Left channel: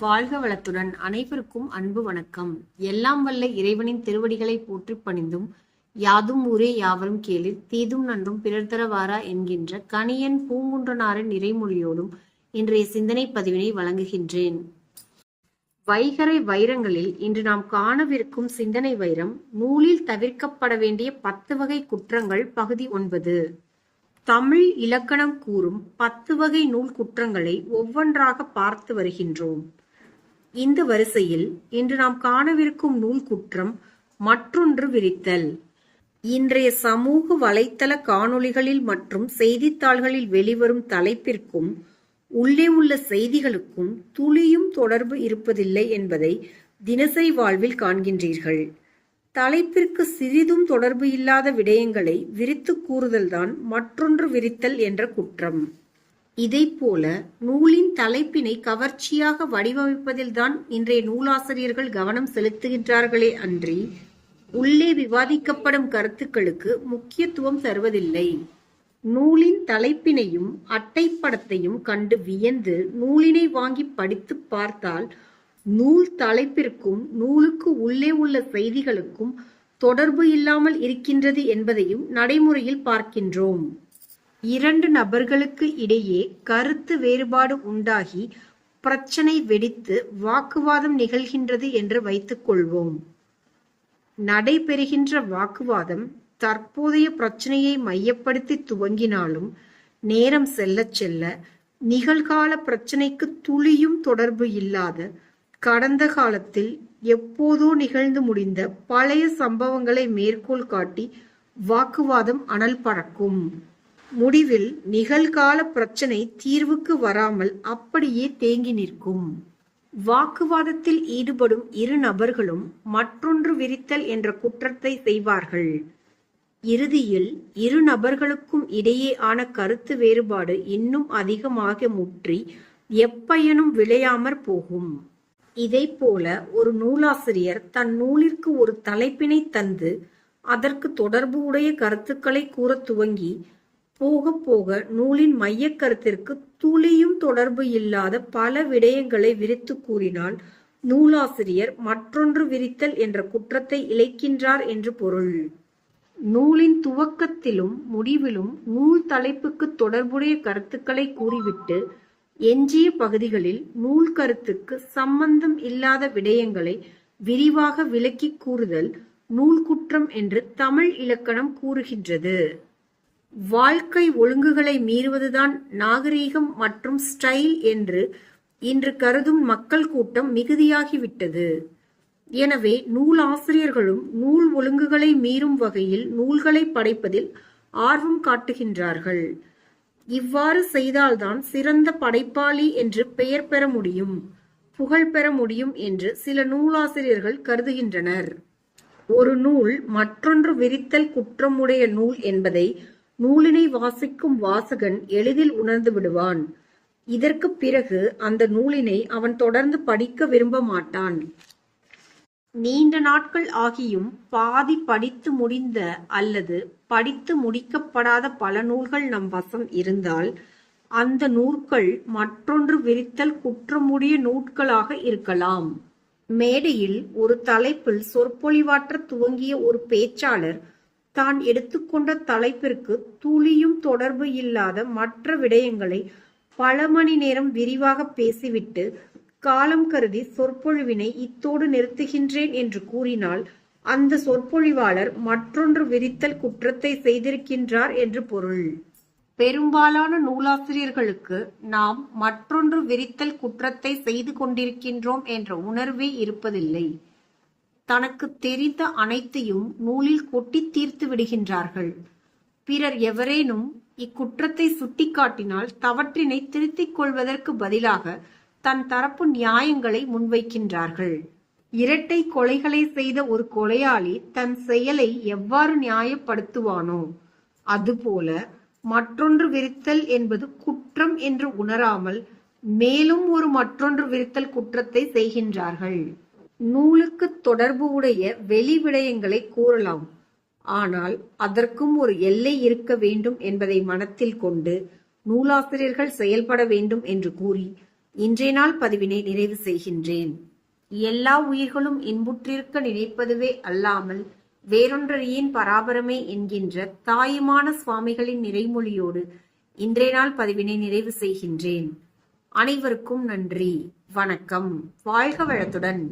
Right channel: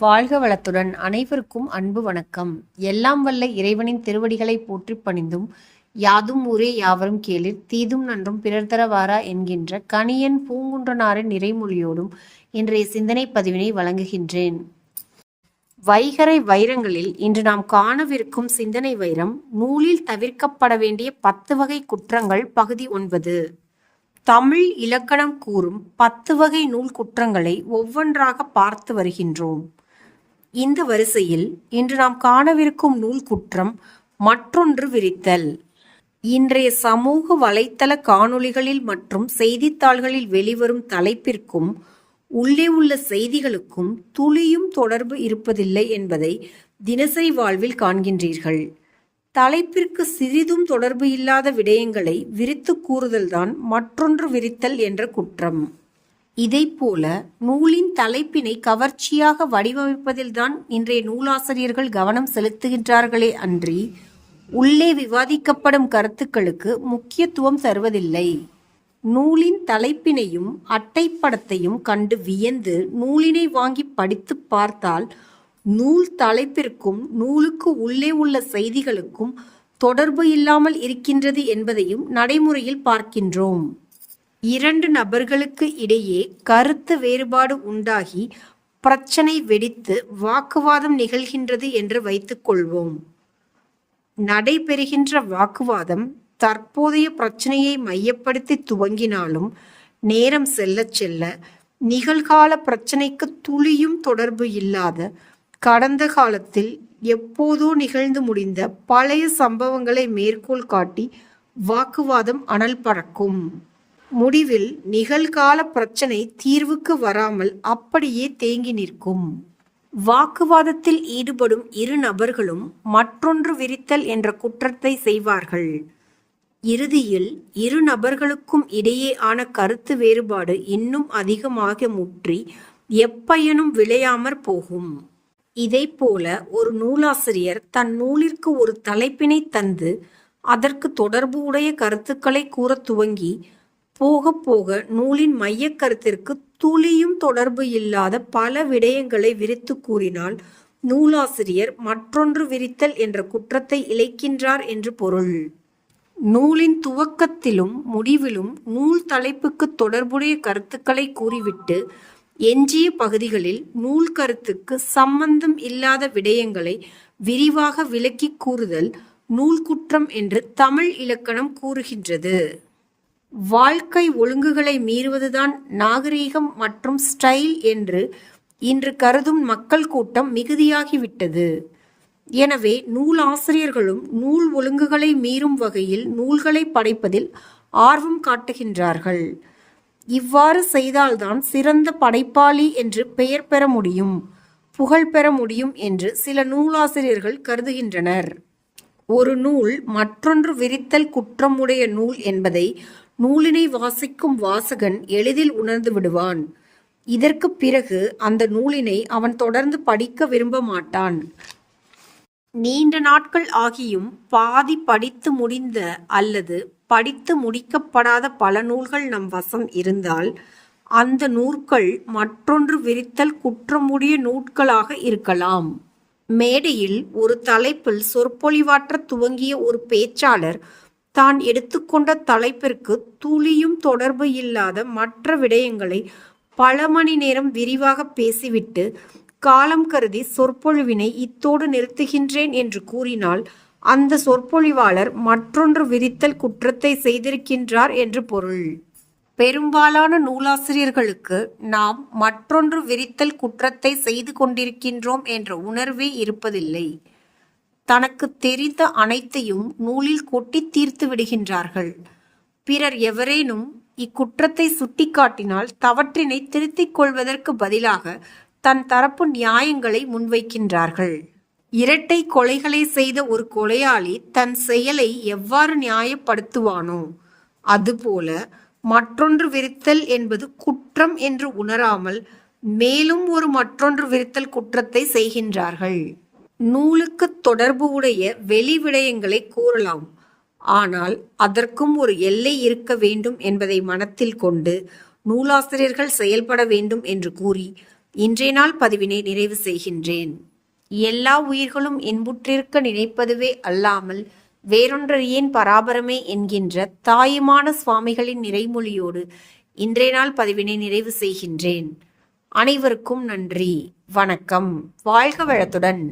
வாழ்க வளத்துடன் அனைவருக்கும் அன்பு வணக்கம். எல்லாம் வல்ல இறைவனின் திருவடிகளை போற்றி பணிந்தும் யாதும் ஊரே யாவரும் கேளிர் தீதும் நன்றும் பிறர் தரவாரா என்கின்ற கணியன் பூங்குன்றனாரின் நிறைமொழியோடும் இன்றைய சிந்தனை பதிவினை வழங்குகின்றேன். வைகரை வைரங்களில் இன்று நாம் காணவிருக்கும் சிந்தனை வைரம் நூலில் தவிர்க்கப்பட வேண்டிய பத்து வகை குற்றங்கள் பகுதி ஒன்பது. தமிழ் இலக்கணம் கூறும் பத்து வகை நூல் குற்றங்களை ஒவ்வொன்றாக பார்த்து வருகின்றோம். இந்த வரிசையில் இன்று நாம் காணவிருக்கும் நூல் குற்றம் மற்றொன்று விரித்தல். இன்றைய சமூக வலைத்தள காணொளிகளில் மற்றும் செய்தித்தாள்களில் வெளிவரும் தலைப்பிற்கும் உள்ளே உள்ள செய்திகளுக்கும் துளியும் தொடர்பு இருப்பதில்லை என்பதை தினசரி வாழ்வில் காண்கின்றீர்கள். தலைப்பிற்கு சிறிதும் தொடர்பு இல்லாத விடயங்களை விரித்து கூறுதல்தான் மற்றொன்று விரித்தல் என்ற குற்றம். இதைப்போல நூலின் தலைப்பினை கவர்ச்சியாக வடிவமைப்பதில்தான் இன்றைய நூலாசிரியர்கள் கவனம் செலுத்துகின்றார்களே அன்றி உள்ளே விவாதிக்கப்படும் கருத்துக்களுக்கு முக்கியத்துவம் தருவதில்லை. நூலின் தலைப்பினையும் அட்டைப்படத்தையும் கண்டு வியந்து நூலினை வாங்கி படித்து பார்த்தால் நூல் தலைப்பிற்கும் நூலுக்கு உள்ளே உள்ள செய்திகளுக்கும் தொடர்பு இல்லாமல் இருக்கின்றது என்பதையும் நடைமுறையில் பார்க்கின்றோம். இரண்டு நபர்களுக்கு இடையே கருத்து வேறுபாடு உண்டாகி பிரச்சனை வெடித்து வாக்குவாதம் நிகழ்கின்றது என்று வைத்துக்கொள்வோம் நடைபெறுகின்ற வாக்குவாதம் தற்போதைய பிரச்சனையை மையப்படுத்தி துவங்கினாலும் நேரம் செல்ல செல்ல நிகழ்கால பிரச்சனைக்கு துளியும் தொடர்பு இல்லாத கடந்த காலத்தில் எப்போதோ நிகழ்ந்து முடிந்த பழைய சம்பவங்களை மேற்கோள் காட்டி வாக்குவாதம் அனல் பறக்கும். முடிவில் நிகழ்கால பிரச்சனை தீர்வுக்கு வராமல் அப்படியே தேங்கி நிற்கும். வாக்குவாதத்தில் ஈடுபடும் இரு நபர்களும் மற்றொன்று விரித்தல் என்ற குற்றத்தை செய்வார்கள். இறுதியில் இரு நபர்களுக்கும் இடையேயான கருத்து வேறுபாடு இன்னும் அதிகமாக முற்றி எப்பயனும் விளையாமற் போகும். இதைப்போல ஒரு நூலாசிரியர் தன் நூலிற்கு ஒரு தலைப்பினை தந்து அதற்கு தொடர்பு உடைய கருத்துக்களை கூறத் துவங்கி போக போக நூலின் மையக் கருத்திற்கு துளியும் தொடர்பு இல்லாத பல விடயங்களை விரித்து கூறினால் நூலாசிரியர். மற்றொன்று விரித்தல் என்ற குற்றத்தை இழைக்கின்றார் என்று பொருள். நூலின் துவக்கத்திலும் முடிவிலும் நூல் தலைப்புக்கு தொடர்புடைய கருத்துக்களை கூறிவிட்டு எஞ்சிய பகுதிகளில் நூல் கருத்துக்கு சம்பந்தம் இல்லாத விடயங்களை விரிவாக விளக்கி கூறுதல் நூல் குற்றம் என்று தமிழ் இலக்கணம் கூறுகின்றது. வாழ்க்கை ஒழுங்குகளை மீறுவதுதான் நாகரீகம் மற்றும் ஸ்டைல் என்று இன்று கருதும் மக்கள் கூட்டம் மிகுதியாகிவிட்டது. எனவே நூலாசிரியர்களும் நூல் ஒழுங்குகளை மீறும் வகையில் நூல்களை படைப்பதில் ஆர்வம் காட்டுகின்றார்கள். இவ்வாறு செய்தால்தான் சிறந்த படைப்பாளி என்று பெயர் பெற முடியும் புகழ் பெற முடியும் என்று சில நூலாசிரியர்கள் கருதுகின்றனர். ஒரு நூல் மற்றொன்று விரித்தல் குற்றமுடைய நூல் என்பதை நூலினை வாசிக்கும் வாசகன் எளிதில் உணர்ந்து விடுவான். இதற்கு பிறகு அந்த நூலினை அவன் தொடர்ந்து படிக்க விரும்ப மாட்டான். நீண்ட நாட்கள் ஆகியும் பாதி படித்து முடிந்த அல்லது படித்து முடிக்கப்படாத பல நூல்கள் நம் வசம் இருந்தால் அந்த நூற்கள் மற்றொன்று விரித்தல் குற்றமுடைய நூட்களாக இருக்கலாம். மேடையில் ஒரு தலைப்பில் சொற்பொழிவாற்ற துவங்கிய ஒரு பேச்சாளர் தான் எடுத்துக்கொண்ட தலைப்பிற்கு துளியும் தொடர்பு இல்லாத மற்ற விடயங்களை பல மணி நேரம் விரிவாக பேசிவிட்டு காலம் கருதி சொற்பொழிவினை இத்தோடு நிறுத்துகின்றேன் என்று கூறினால் அந்த சொற்பொழிவாளர் மற்றொன்று விரித்தல் குற்றத்தை செய்திருக்கின்றார் என்று பொருள். பெரும்பாலான நூலாசிரியர்களுக்கு நாம் மற்றொன்று விரித்தல் குற்றத்தை செய்து கொண்டிருக்கின்றோம் என்ற உணர்வே இருப்பதில்லை. தனக்கு தெரிந்த அனைத்தையும் நூலில் கொட்டி தீர்த்து விடுகின்றார்கள். பிறர் எவரேனும் இக்குற்றத்தை சுட்டிக்காட்டினால் தவற்றினை திருத்திக் கொள்வதற்கு பதிலாக தன் தரப்பு நியாயங்களை முன்வைக்கின்றார்கள். இரட்டை கொலைகளை செய்த ஒரு கொலையாளி தன் செயலை எவ்வாறு நியாயப்படுத்துவானோ அதுபோல மற்றொன்று விரித்தல் என்பது குற்றம் என்று உணராமல் மேலும் ஒரு மற்றொன்று விரித்தல் குற்றத்தை செய்கின்றார்கள். நூலுக்கு தொடர்பு உடைய வெளி விடயங்களை கூறலாம். ஆனால் அதற்கும் ஒரு எல்லை இருக்க வேண்டும் என்பதை மனத்தில் கொண்டு நூலாசிரியர்கள் செயல்பட வேண்டும் என்று கூறி இன்றைய நாள் பதிவினை நிறைவு செய்கின்றேன். எல்லா உயிர்களும் இன்புற்றிருக்க நினைப்பதுவே அல்லாமல் வேறொன்றறியேன் பராபரமே என்கின்ற தாயுமான சுவாமிகளின் நிறைமொழியோடு இன்றைய நாள் பதிவினை நிறைவு செய்கின்றேன். அனைவருக்கும் நன்றி. வணக்கம். வாழ்க வளத்துடன்.